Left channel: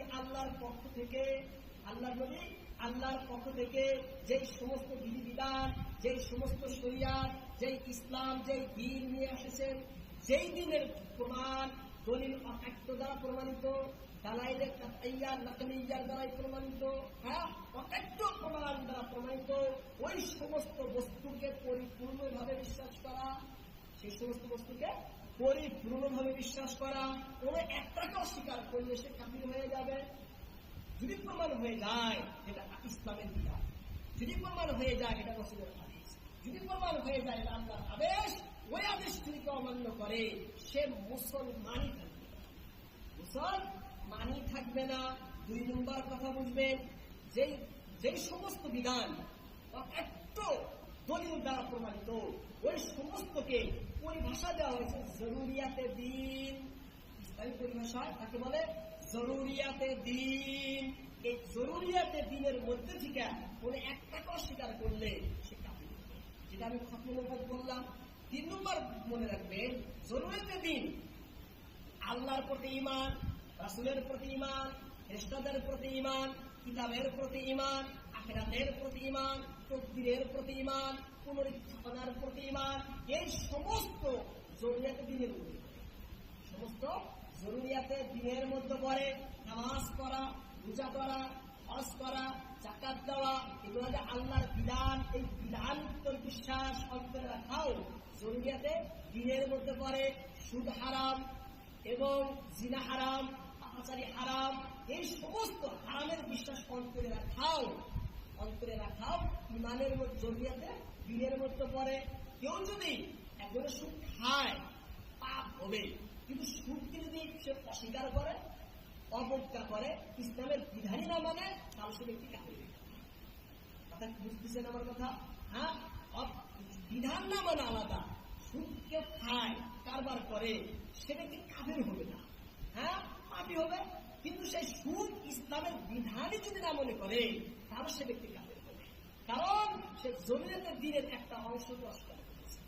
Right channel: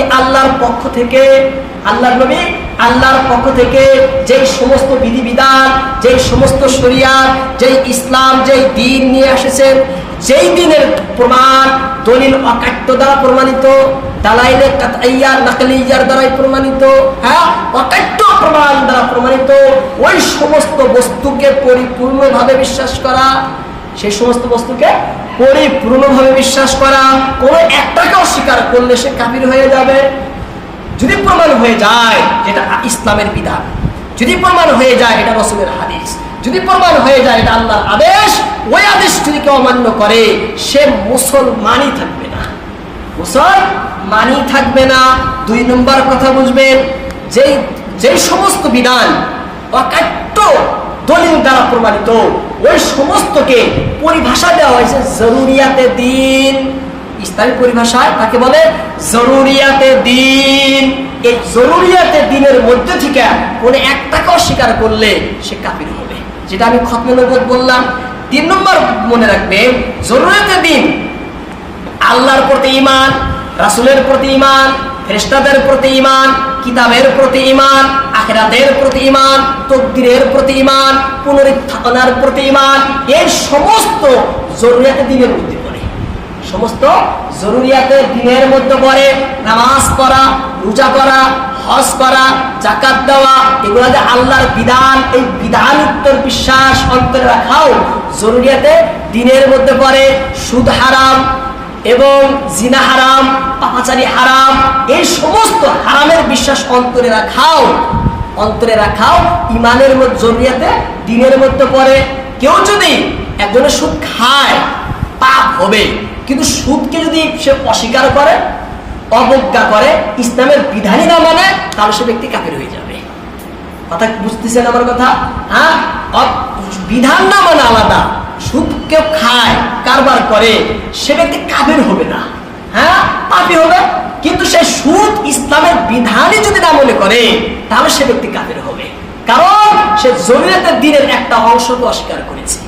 নবী আল্লাহর পক্ষ থেকে, আল্লাহর নবী আল্লাহর পক্ষ থেকে যেই সমস্ত বিধিবিধান, যেই সমস্ত শরিয়াত, যেই ইসলাম, যেই দিন নিয়ে এসেছেন যেই দিনের প্রমাণ দলিল অকাট্য দ্বারা প্রমাণিত, দালাইলে কাতাইয়ার নাকলিয়ার দ্বারাই প্রমাণিত হ্যাঁ অকাট্য প্রমাণ দ্বারা প্রমাণিত, ওই সমস্ত বস্তুকে পরিপূর্ণভাবে বিশ্বাস করা, সেই সমস্ত বস্তুকে পরিপূর্ণভাবে বিশ্বাস করা, কোনো একটাকে অস্বীকার করলে সে কাবির হয়ে যাবে। যদি প্রমাণ হয়ে যায়, যেটা ইসলামের বিধান। যদি প্রমাণ হয়ে যায়, এটা রসুলের হাদিস। যদি প্রমাণ হয়ে যায়, এটা আল্লাহর আদেশ, ওই আদেশ যদি কেউ অমান্য করে, সে মুসলমানই থাকবে না। মুসলমানই থাকবে না। দুই নম্বর কথা বুঝবেন, যেই যেই সমস্ত বিধান অকাট্য দলিল দ্বারা প্রমাণিত। ওই সমস্তকে পরিভাষা দেওয়া হয়েছে জরুরিয়াতে দিন। ইসলামী পরিভাষায় তাকে বলে? জরুরিয়াতে দিন। এই জরুরিয়াতে দিনের মধ্যে থেকে কোন একটাকে অস্বীকার করলে সে কাপির হবে। যেটা আমি খতমনগর বললাম। তিন নম্বর মনে রাখবে, জরুরিয়াতে দিন। আল্লাহর প্রতি ইমান রাসুলের প্রতি ইমান ফেরেশতাদের প্রতি ইমান কিতাবের প্রতি ইমান আখেরাতের প্রতি ইমান তকদিরের প্রতি ইমান পুনরুত্থাপনার প্রতি ইমান এই সমস্ত জরুরিয়াতে দিনের মধ্যে পড়ে। সমস্ত জরুরিয়াতে দিনের মধ্যে পড়ে নামাজ পড়া, রোজা করা হজ করা জাকাত দেওয়া, এগুলো যে আল্লাহর বিধান, এই বিধান উত্তর বিশ্বাস অন্তরে রাখাও জরুরিয়াতে দিনের মধ্যে পড়ে, সুদ হারাম এবং জিনা হারাম, পাপাচারি হারাম, এই সমস্ত হারামের বিশ্বাস অন্তরে রাখাও অন্তরে রাখাও ইমানের মধ্যে জরুরিয়াতে দিনের মধ্যে পড়ে। কেউ যদি একজনের সুদ খায়, পাপ হবে। কিন্তু সুদকে যদি সে অস্বীকার করে, অবজ্ঞা করে, ইসলামের বিধানই না মানে তাহলে সে ব্যক্তি কাফের হয়ে যাবে। কথা বুঝতেছেন আমার কথা? হ্যাঁ? বিধান না মানে আলাদা। সুদ কেউ খায় কারবার করে, সে ব্যক্তি কাবের হবে না। হ্যাঁ? পাপি হবে। কিন্তু সে সুদ ইসলামের বিধানে যদি না মনে করে, তাহলে সে ব্যক্তি কাদের হবে। কারণ সে জরুরিয়াতের দিনের একটা অংশকে অস্বীকার করেছে।